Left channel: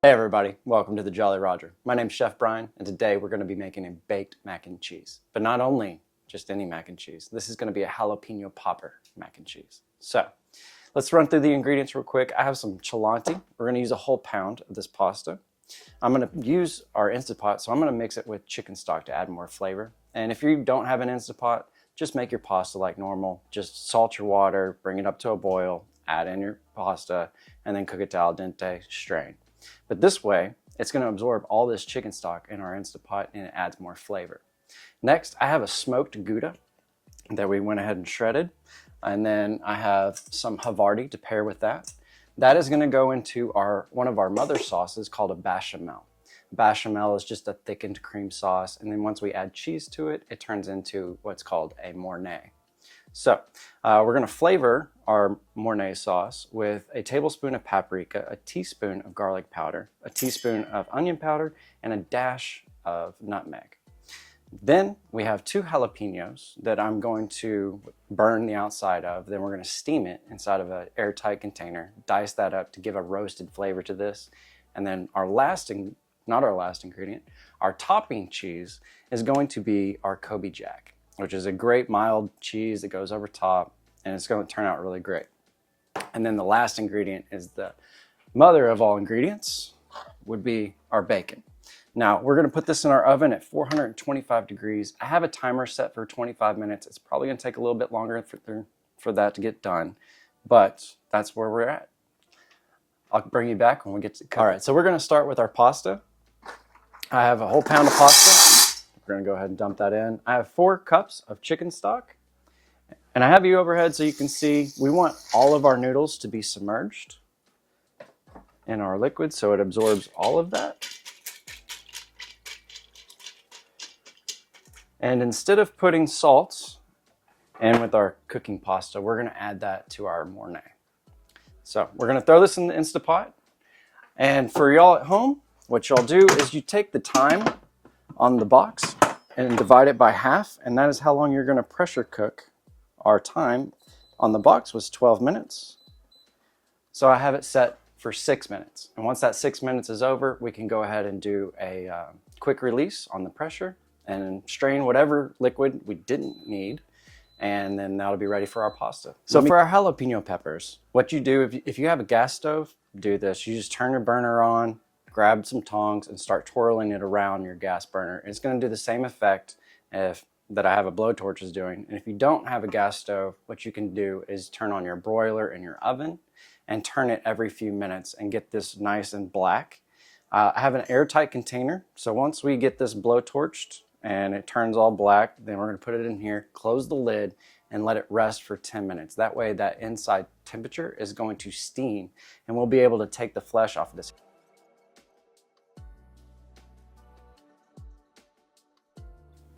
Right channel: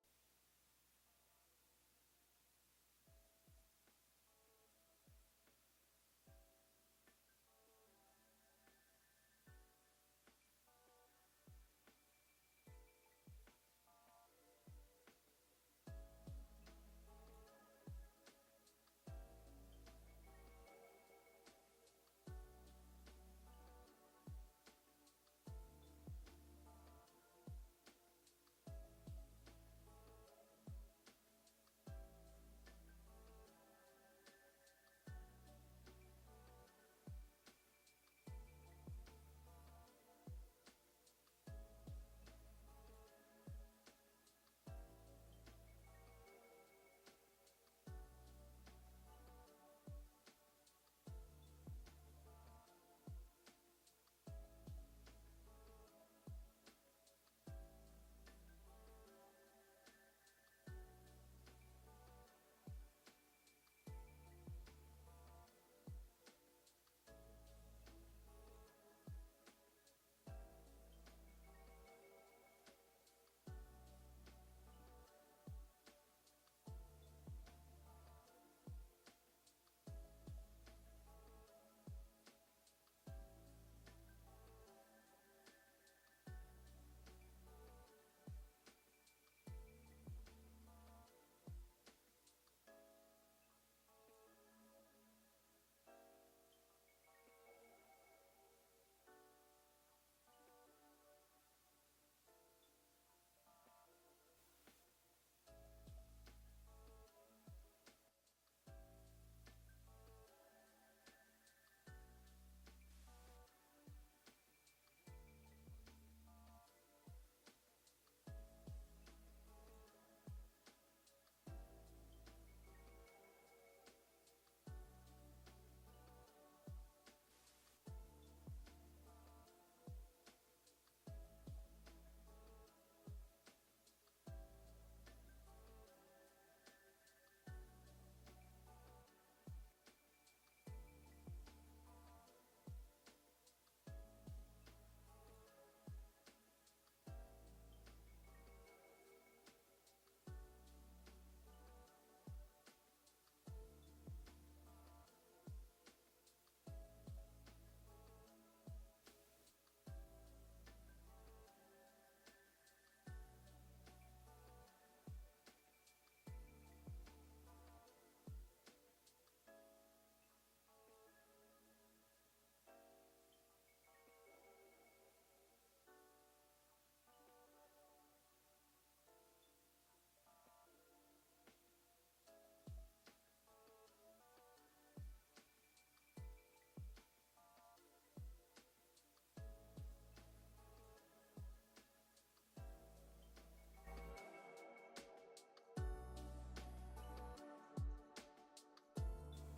Hey everybody, welcome to the Jolly Roger. My name's Chef Brian, and today we're going to be making a baked mac and cheese. But not only just any mac and cheese, this is going to be a jalapeno popper mac and cheese. So, let's run through the ingredients real quick. I have some chianti. We're going to use a whole pound of this pasta. I'm going to use our Instant Pot, so I'm going to mix it with chicken stock to add more flavor. And if you don't have an Instant Pot, just make your pasta like normal. Just salt your water, bring it up to a boil, add in your pasta, and then cook it to al dente, strain. But this way, it's going to absorb all this chicken stock in our Instant Pot and it adds more flavor. Next, I have a smoked Gouda that we went ahead and shredded. And then I have some Havarti to pair with that. That is going to go into one of our mother sauces called a bechamel. Bechamel is just a thickened cream sauce. And then once we add cheese to it, it turns into what's called a Mornay. So we're going to flavor our Mornay sauce with a tablespoon of paprika, a teaspoon of garlic powder, a teaspoon of onion powder, and a dash of nutmeg. Then we have 2 jalapeños that I'm going to burn the outside of. Then we're going to steam it inside of an airtight container, dice that up to give a roasted flavor to this. And then our not our last ingredient, our topping cheese is going to be our Colby Jack, which is a great mild cheese that goes over top, and it's going to turn out really great. And then the last ingredient is the mother of all ingredients, would be our bacon. Now, we're going to put this in our oven at 425 degrees. I have a timer set for 25 minutes. It's probably going to take a little bit longer for that to get done, but that's where we're at. I'll bring you back when we get to cook. All right, so we're going to start with our pasta. I have a whole pound of pasta. We're going to go ahead and dump that in. I have 4 cups of chicken stock. And I have you overhead so you can see we want all of our noodles to be submerged in our liquid so it absorbs all of that. And instead of putting salt in with our cooking pasta, we're going to add that to our Mornay. So we're going to throw this in the Instant Pot. And for y'all at home, what y'all do is you take the time on the box and divide it by half, and that is how long you're going to pressure cook. Our time on the box was 12 minutes. So I have it set for 6 minutes. And once that 6 minutes is over, we can go ahead and do a quick release on the pressure and strain whatever liquid we didn't need. And then that'll be ready for our pasta. So for our jalapeno peppers, what you do, if you have a gas stove, do this. You just turn your burner on, grab some tongs and start twirling it around your gas burner. It's going to do the same effect that I have a blowtorch is doing. And if you don't have a gas stove, what you can do is turn on your broiler in your oven and turn it every few minutes and get this nice and black. I have an airtight container. So once we get this blowtorched and it turns all black, then we're going to put it in here, close the lid, and let it rest for 10 minutes. That way that inside temperature is going to steam and we'll be able to take the flesh off of this.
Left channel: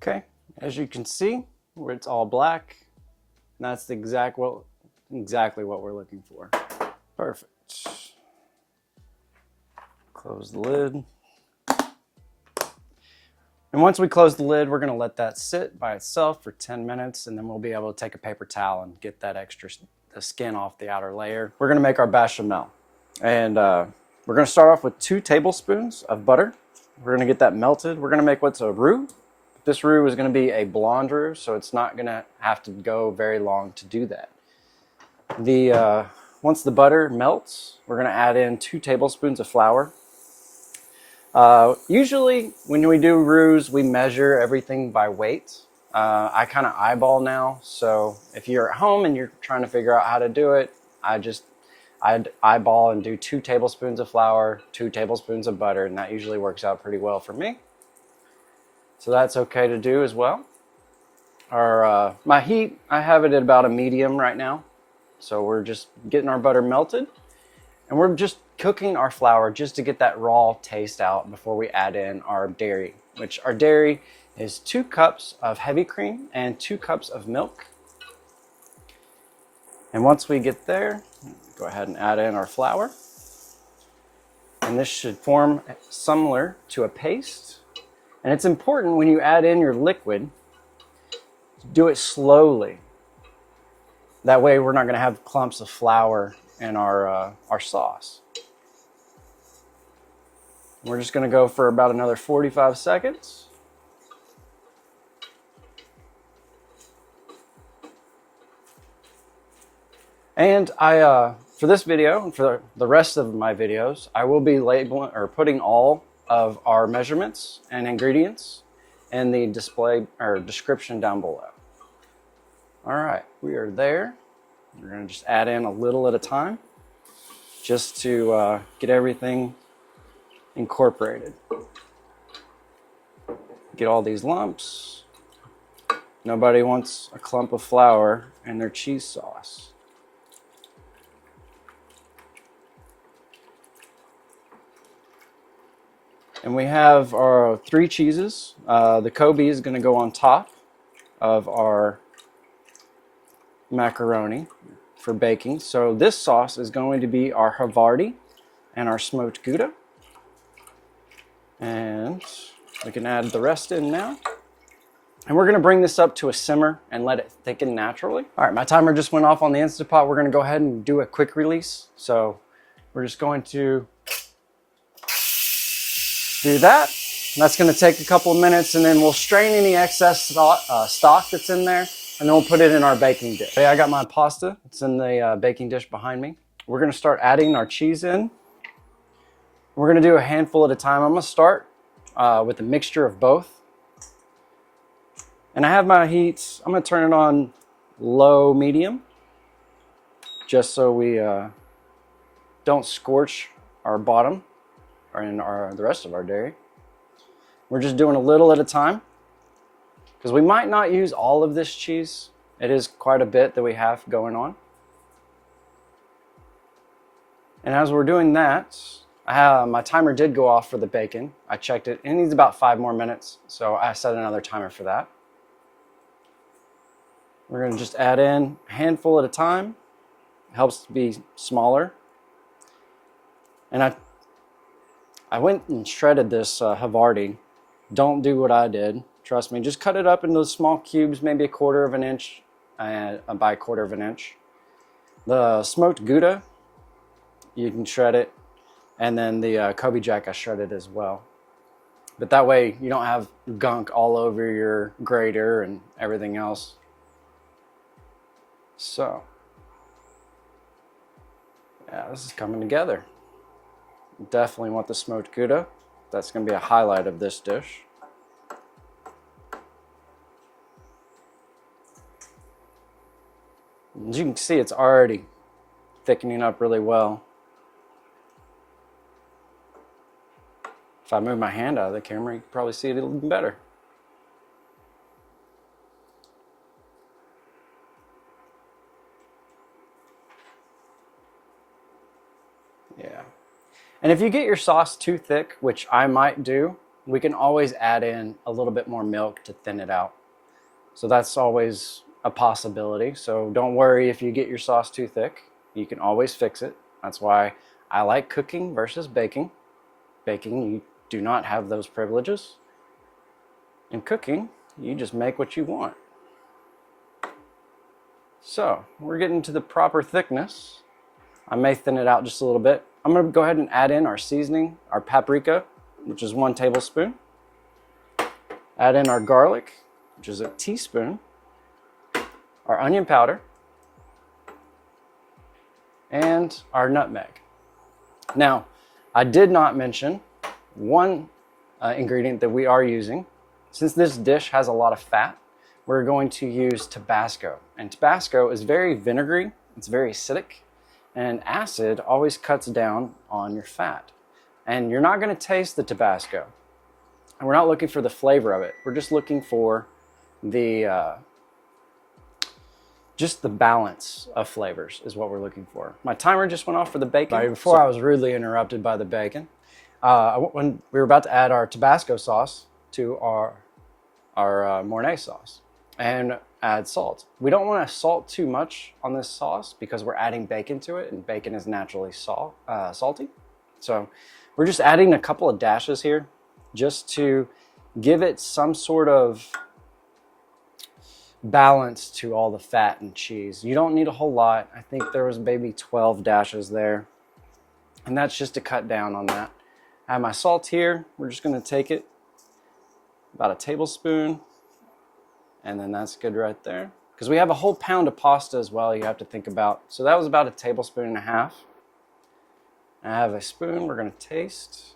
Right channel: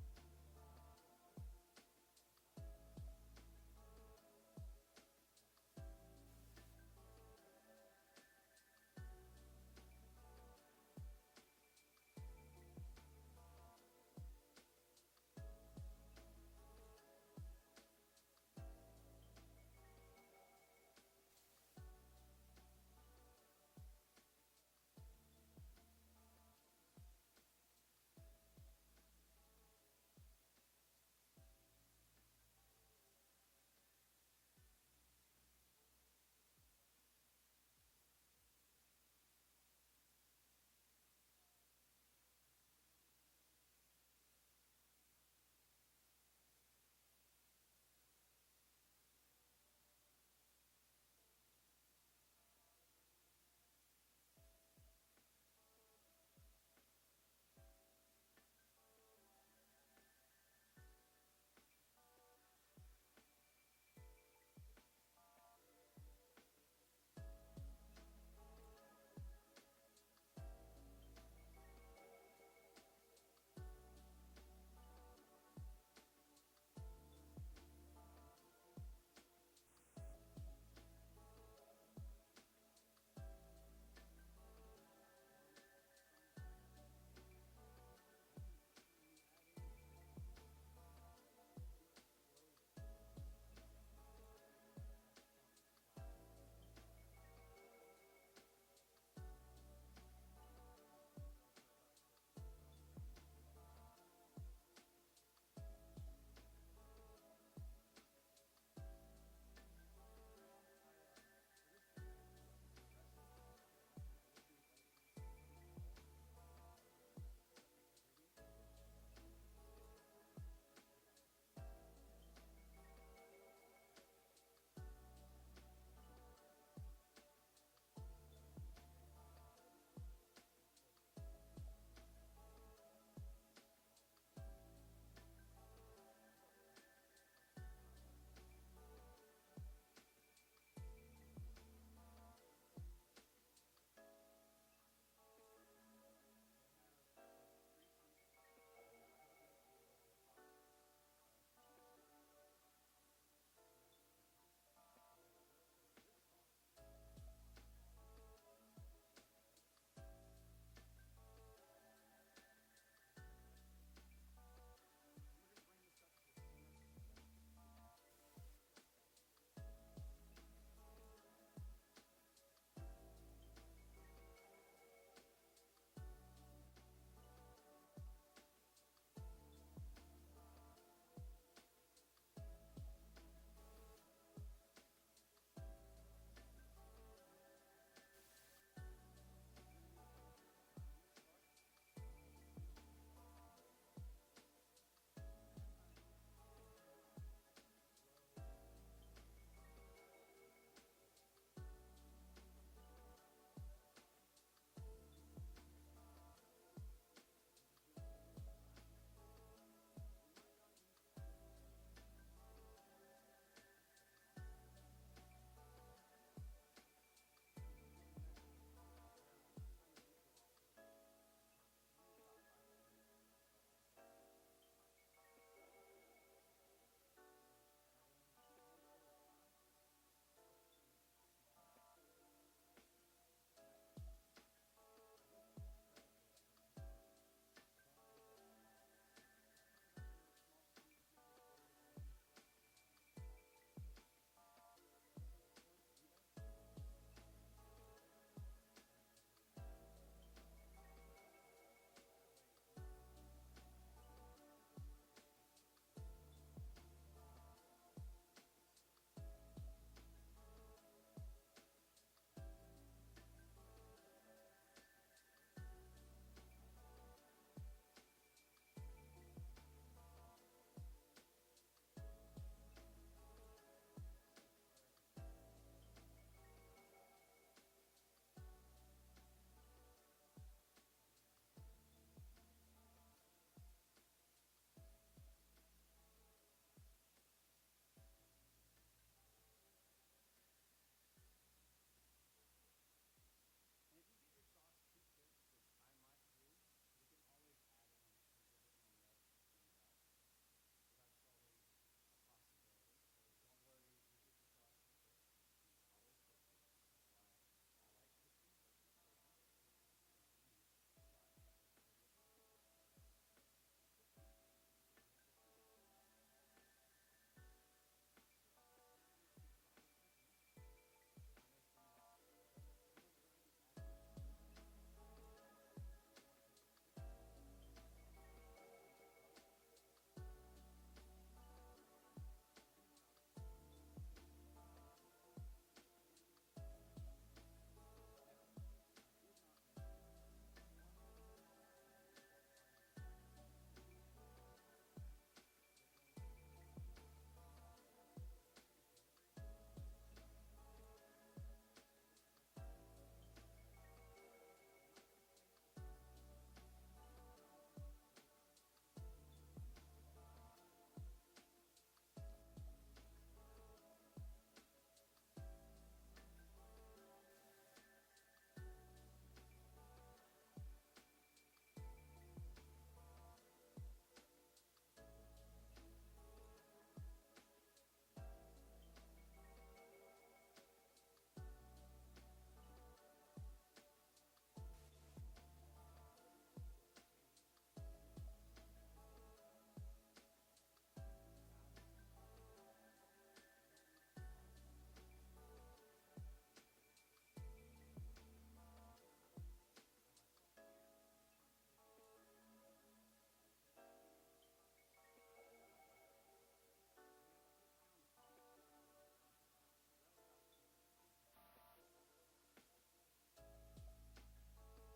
Okay, as you can see, where it's all black, that's exactly what we're looking for. Perfect. Close the lid. And once we close the lid, we're going to let that sit by itself for 10 minutes, and then we'll be able to take a paper towel and get that the skin off the outer layer. We're going to make our bechamel. And we're going to start off with 2 tablespoons of butter. We're going to get that melted. We're going to make what's a roux. This roux is going to be a blonde roux, so it's not going to have to go very long to do that. Once the butter melts, we're going to add in 2 tablespoons of flour. Usually when we do roux, we measure everything by weight. I kind of eyeball now, so if you're at home and you're trying to figure out how to do it, I'd eyeball and do 2 tablespoons of flour, 2 tablespoons of butter, and that usually works out pretty well for me. So that's okay to do as well. My heat, I have it at about a medium right now. So we're just getting our butter melted and we're just cooking our flour just to get that raw taste out before we add in our dairy, which our dairy is 2 cups of heavy cream and 2 cups of milk. And once we get there, go ahead and add in our flour. And this should form similar to a paste. And it's important when you add in your liquid, do it slowly. That way we're not going to have clumps of flour in our sauce. We're just gonna go for about another 45 seconds. And for this video and for the rest of my videos, I will be labeling or putting all of our measurements and ingredients in the display or description down below. All right, we are there. We're gonna just add in a little at a time just to get everything incorporated. Get all these lumps. Nobody wants a clump of flour in their cheese sauce. And we have our 3 cheeses. The Colby is going to go on top of our macaroni for baking. So this sauce is going to be our Havarti and our smoked Gouda. And we can add the rest in now. And we're going to bring this up to a simmer and let it thicken naturally. All right, my timer just went off on the Instant Pot. We're going to go ahead and do a quick release. So we're just going to do that. That's going to take a couple of minutes, and then we'll strain any excess stock that's in there, and then we'll put it in our baking dish. Okay, I got my pasta. It's in the baking dish behind me. We're going to start adding our cheese in. We're going to do a handful at a time. I'm going to start with a mixture of both. And I have my heat, I'm going to turn it on low medium, just so we don't scorch our bottom or in the rest of our dairy. We're just doing a little at a time because we might not use all of this cheese. It is quite a bit that we have going on. And as we're doing that, my timer did go off for the bacon. I checked it. It needs about 5 more minutes, so I set another timer for that. We're going to just add in a handful at a time. It helps to be smaller. And I went and shredded this Havarti. Don't do what I did. Trust me. Just cut it up into small cubes, maybe 1/4 of an inch by 1/4 of an inch. The smoked Gouda, you can shred it. And then the Colby Jack, I shredded as well. But that way you don't have gunk all over your grater and everything else. So, yeah, this is coming together. Definitely want the smoked Gouda. That's going to be a highlight of this dish. As you can see, it's already thickening up really well. If I move my hand out of the camera, you can probably see it even better. Yeah. And if you get your sauce too thick, which I might do, we can always add in a little bit more milk to thin it out. So that's always a possibility. So don't worry if you get your sauce too thick. You can always fix it. That's why I like cooking versus baking. Baking, you do not have those privileges. In cooking, you just make what you want. So we're getting to the proper thickness. I may thin it out just a little bit. I'm going to go ahead and add in our seasoning, our paprika, which is 1 tablespoon. Add in our garlic, which is a teaspoon. Our onion powder. And our nutmeg. Now, I did not mention one ingredient that we are using. Since this dish has a lot of fat, we're going to use Tabasco. And Tabasco is very vinegary, it's very acidic, and acid always cuts down on your fat. And you're not going to taste the Tabasco. And we're not looking for the flavor of it. We're just looking for the just the balance of flavors is what we're looking for. My timer just went off for the bacon. Before I was rudely interrupted by the bacon. When we were about to add our Tabasco sauce to our Mornay sauce and add salt. We don't want to salt too much on this sauce because we're adding bacon to it, and bacon is naturally salty. So we're just adding a couple of dashes here just to give it some sort of balance to all the fat and cheese. You don't need a whole lot. I think there was maybe 12 dashes there, and that's just to cut down on that. I have my salt here. We're just gonna take it, about a tablespoon, and then that's good right there. Because we have a whole pound of pasta as well you have to think about. So that was about a tablespoon and a half. I have a spoon, we're gonna taste.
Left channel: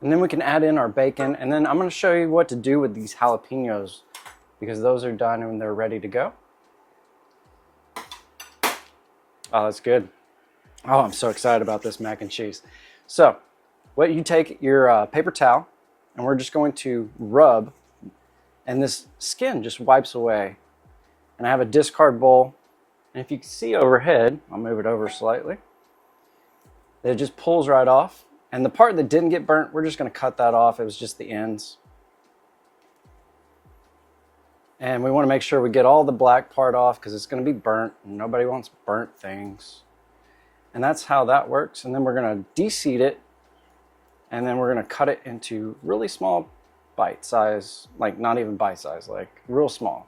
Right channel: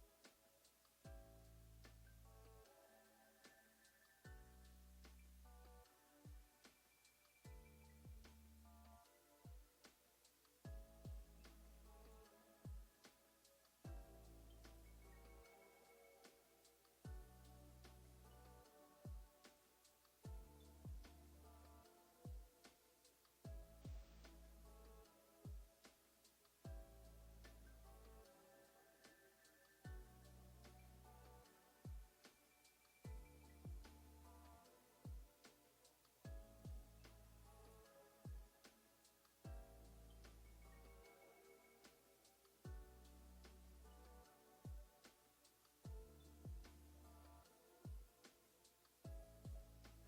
And then we can add in our bacon, and then I'm gonna show you what to do with these jalapeños because those are done and they're ready to go. Oh, that's good. Oh, I'm so excited about this mac and cheese. So, what you take your paper towel, and we're just going to rub, and this skin just wipes away. And I have a discard bowl, and if you can see overhead, I'll move it over slightly. It just pulls right off. And the part that didn't get burnt, we're just gonna cut that off. It was just the ends. And we wanna make sure we get all the black part off because it's gonna be burnt. And nobody wants burnt things. And that's how that works. And then we're gonna de-seed it. And then we're gonna cut it into really small bite size, like not even bite size, like real small.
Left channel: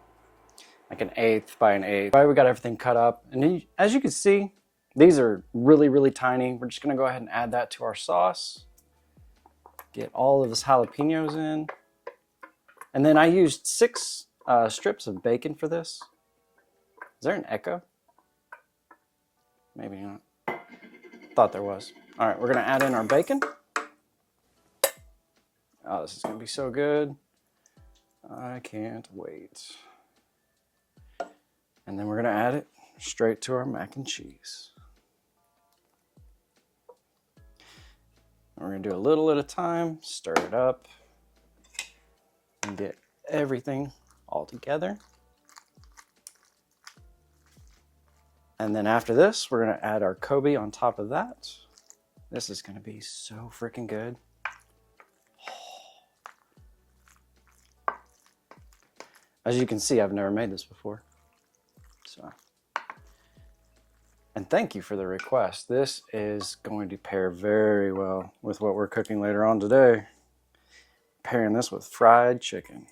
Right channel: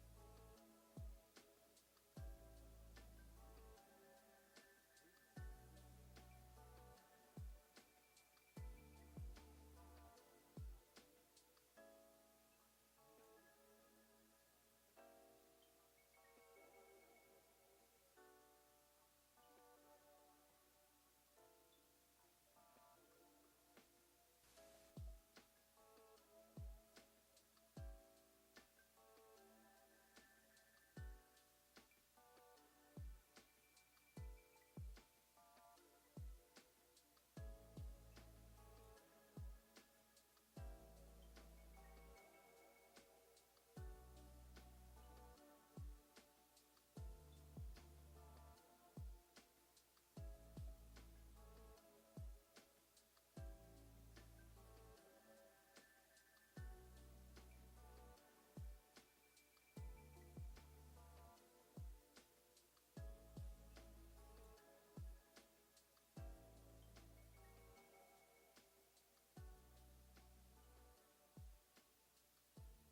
Like an eighth by an eighth. All right, we got everything cut up. And then, as you can see, these are really, really tiny. We're just gonna go ahead and add that to our sauce. Get all of this jalapeños in. And then I used 6 strips of bacon for this. Is there an echo? Maybe not. Thought there was. All right, we're gonna add in our bacon. Oh, this is gonna be so good. I can't wait. And then we're gonna add it straight to our mac and cheese. We're gonna do a little at a time, stir it up, and get everything all together. And then after this, we're gonna add our Colby on top of that. This is gonna be so freaking good. As you can see, I've never made this before. So, and thank you for the request. This is going to pair very well with what we're cooking later on today. Pairing this with fried chicken.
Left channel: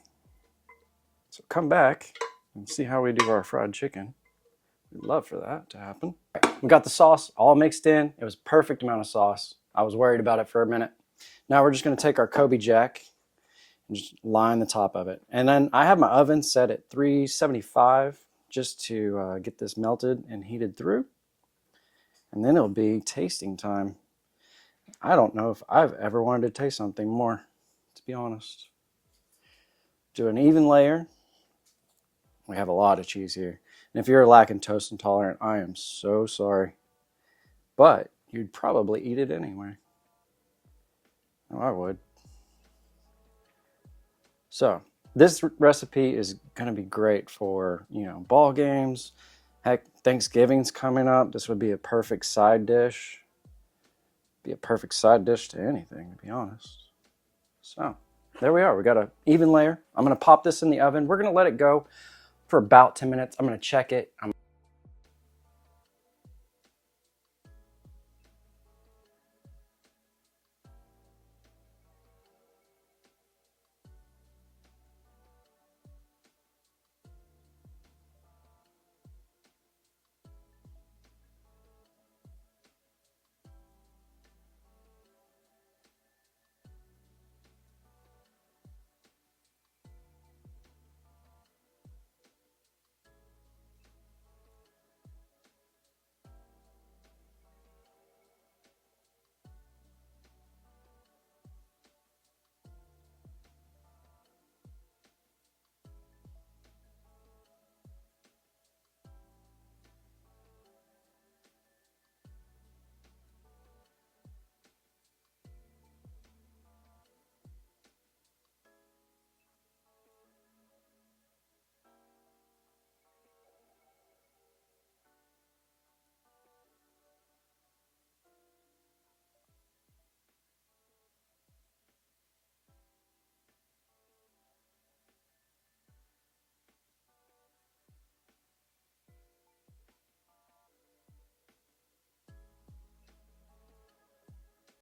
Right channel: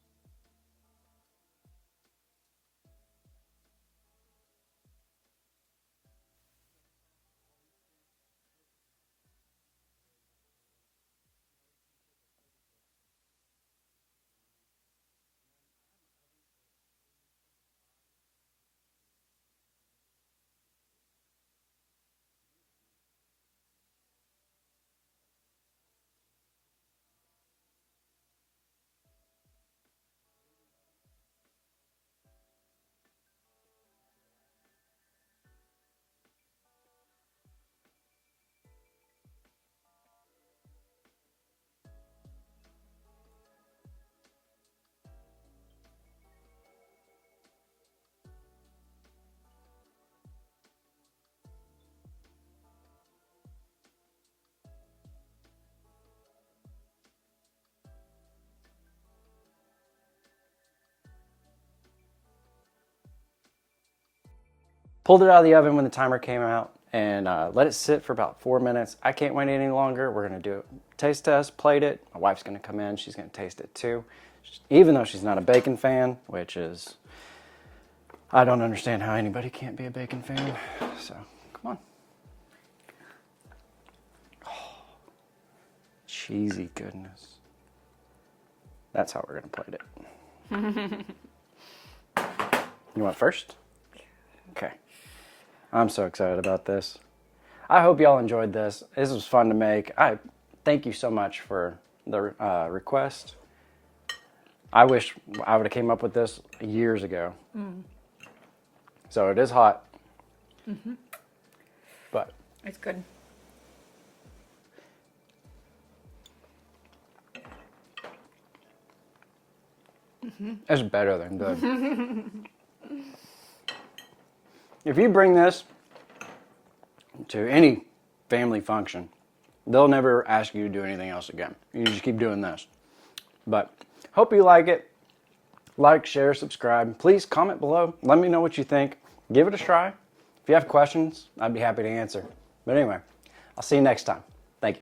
So come back and see how we do our fried chicken. We'd love for that to happen. We got the sauce all mixed in. It was a perfect amount of sauce. I was worried about it for a minute. Now we're just gonna take our Colby Jack and just line the top of it. And then I have my oven set at 375 just to get this melted and heated through. And then it'll be tasting time. I don't know if I've ever wanted to taste something more, to be honest. Do an even layer. We have a lot of cheese here. And if you're lactose intolerant, I am so sorry. But you'd probably eat it anyway. Oh, I would. So this recipe is going to be great for, ball games. Heck, Thanksgiving's coming up. This would be a perfect side dish. Be a perfect side dish to anything, to be honest. So there we are. We got an even layer. I'm going to pop this in the oven. We're going to let it go for about 10 minutes. I'm going to check it. I pulled it out of the oven when the timer came out and let it sit for about 4 minutes. I can't wait any longer. We're going to do a taste test, plate it. My wife's going to come in. She's going to taste it too. Even though she's not a bacon fan, which is, I don't understand how anybody can't be a bacon fan. So, come on. Oh, cheesy goodness. That's how we're going to plate it. You want first? Okay. I'm so excited about this. I hope y'all enjoyed this. This was fun to make. I thank you so much for the request. I wish I would have came up with this years ago. So it is hot. But it's good. It's better than good. If you bring this to any family function, they'll never ask you to do anything else again. You just keep doing this. But hope you like it. Like, share, subscribe. Please comment below. Let me know what you think. Give it a try. If you have questions, I'd be happy to answer. But anyway, I'll see you next time.